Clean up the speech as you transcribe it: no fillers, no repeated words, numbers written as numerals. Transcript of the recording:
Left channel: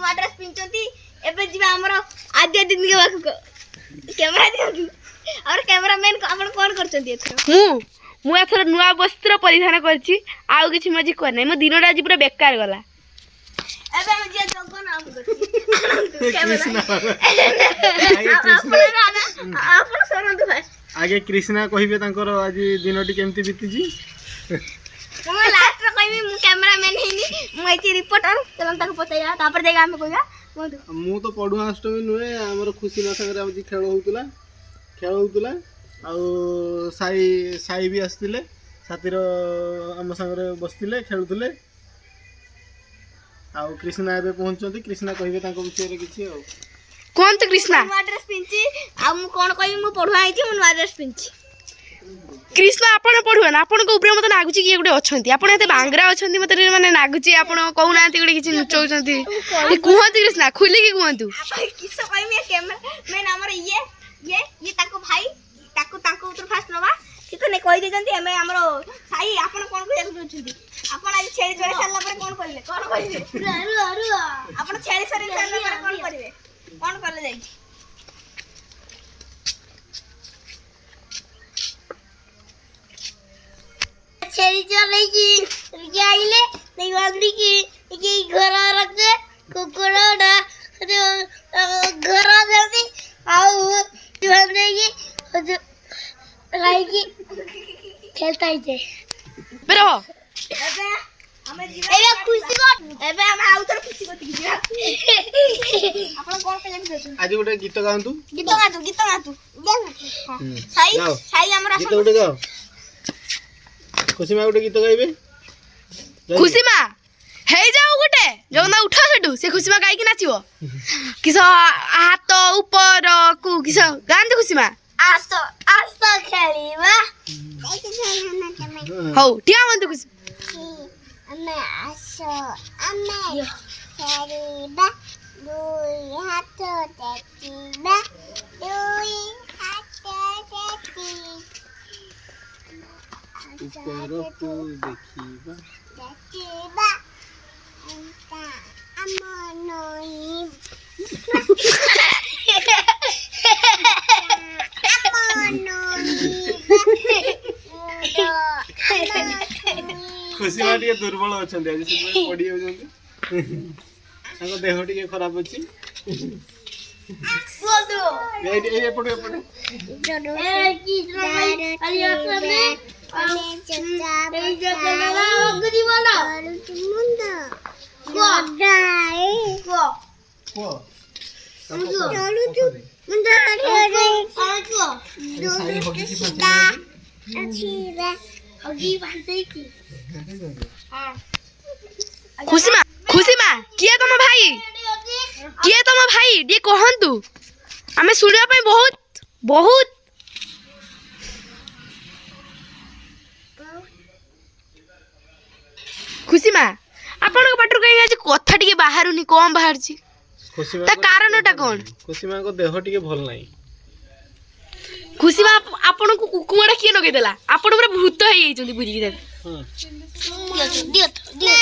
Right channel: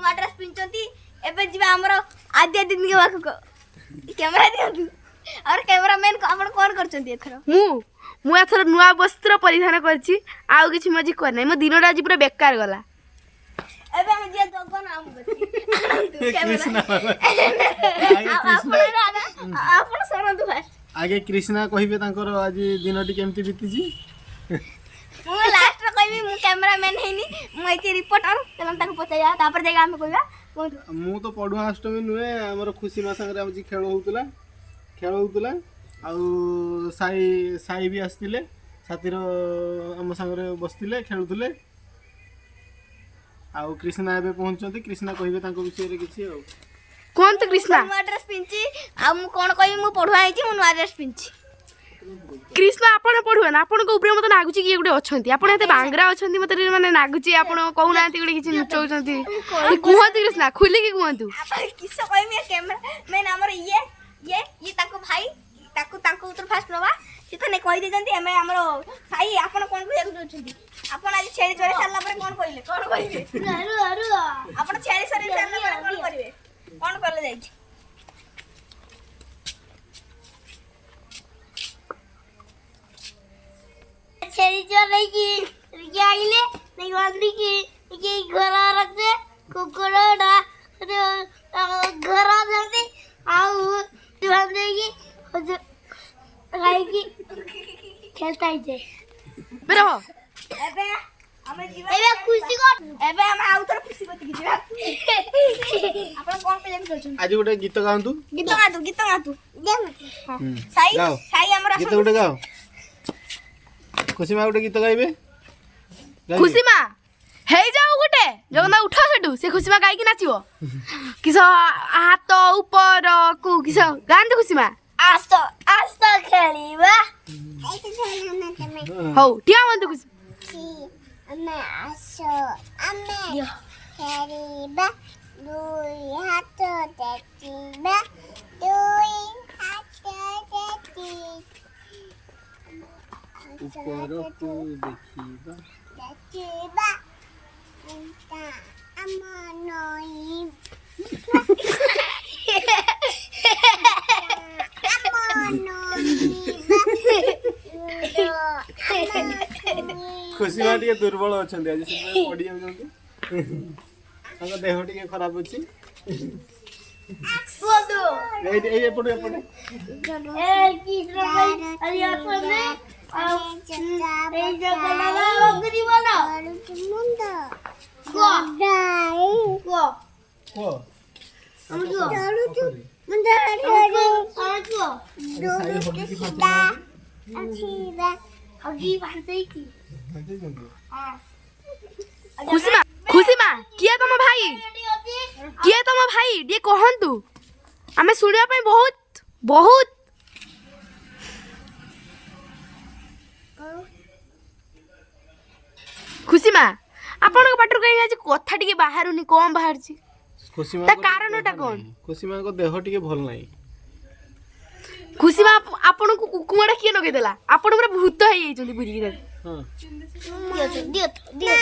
नुआ ड्रेस पिंचंती एबे जिबा हमरो आद्य दिन के बाकु कैमरा दियंती और कैमरामैन आपण कोन करचंती एथरो मु एथर नुआ वस्त्र परिधान करछि आउ किछि मजी कर नै मो दिनोटा आज पूरा बेकार गला एबे हम जे जगन नाम करछि कैमरा आपण सरंतु भाई आगे कृष्णा कहिबे तांकर आज दिनटी केमती बीतीजी मु लास्ट रे कहबी मु कैमरामैन हेनी मु एति रिपोर्टर चलन ताको पचाया तापर देगा हम कहया मु तो पडुआ अष्टमी नुए हमर खुशी ना संगे आज खेल होउतला आ साई भी आसतिले साथीर आम संगे बसतिले खेलुतले आ कृष्णा एबे पहुंचंती कृष्णा कहिबे तांको विषय रे किछि आ कोन तो कृष्णा नुआ ड्रेस पिंची आ मु कोन कहबी मु पढुआ आइची मु नुआ ड्रेस पिंची कृष्णा आपण पढुआ ना आपण को ऊपर मते नागुची कि गुटे अछंती आपण एते बांगरा अछंती मते माने नागुची आपण कहू नांती गुटे किछि नुचौचंती ए कुहंती कृष्णा खुली कि कुहंतु आपण किसो कहबी कैमरा मैं हमर ये ताको भाई ताको उतर फास्ट नवा कि तो नै कहि देजंती हमें हमरो भाई आपण कोन को देखु छथि आपण आज छेली चोरे साला पर कोन कहिले आपण छेली सरे साला पर कोन करिवे कोन करले जाई छेली चोरे की आइले नहीं बांधी की घर रखे कुकुड़ा घर जल्दी आओ बांधने की की खेलता ही जे बेरो एबे खुशी को एबे हम आउतर खुशी को की आपण कोन पे जानि चलछन आज गोटे गीत गाउंतु गीत गातु साई हमरा गीत गोटे गाओ खुशी मा गोटे गीत गाइबे खुशी मा हे जाऊ गोटे जगना उठा सेटू से खुशी मा गाई कि नाचिबो किस हाथ ऊपर को किस गांधी खुशी मा आस्ता खेलीबा हौ टिया मन खुशी अम्मे आसो अम्मे खेलीबा दुई हाथ देखिबा दुई हाथ देखि ऊपर को देखिबा अंता अमनोई खुशी मा टिके दुर्बल अछंती आज से पडी जाउछंती तांको देह टिके खराब अछि सोदो ए एपटे जोडो ए की अली असने चचा बना गरी वाला मुंडा गोडाई को चालू तू मुंडा को दो अच्छी है होगी बांधे की हां खुशी मा किए तम भाई डी कहंतु हमें सुनिया पे बहुत बहुत खुशी मा आपण को पाटर कहीं आज कथा टिके बाहरुनी कम बाहर छी खुशी मा ता कारणटा कोन खुशी मा को देह टिके भल नाही खुशी मा आपण को कुकुमाडा किए नगे देला आपण पूरा भूत हे जाइछंती बुझी के हां दियो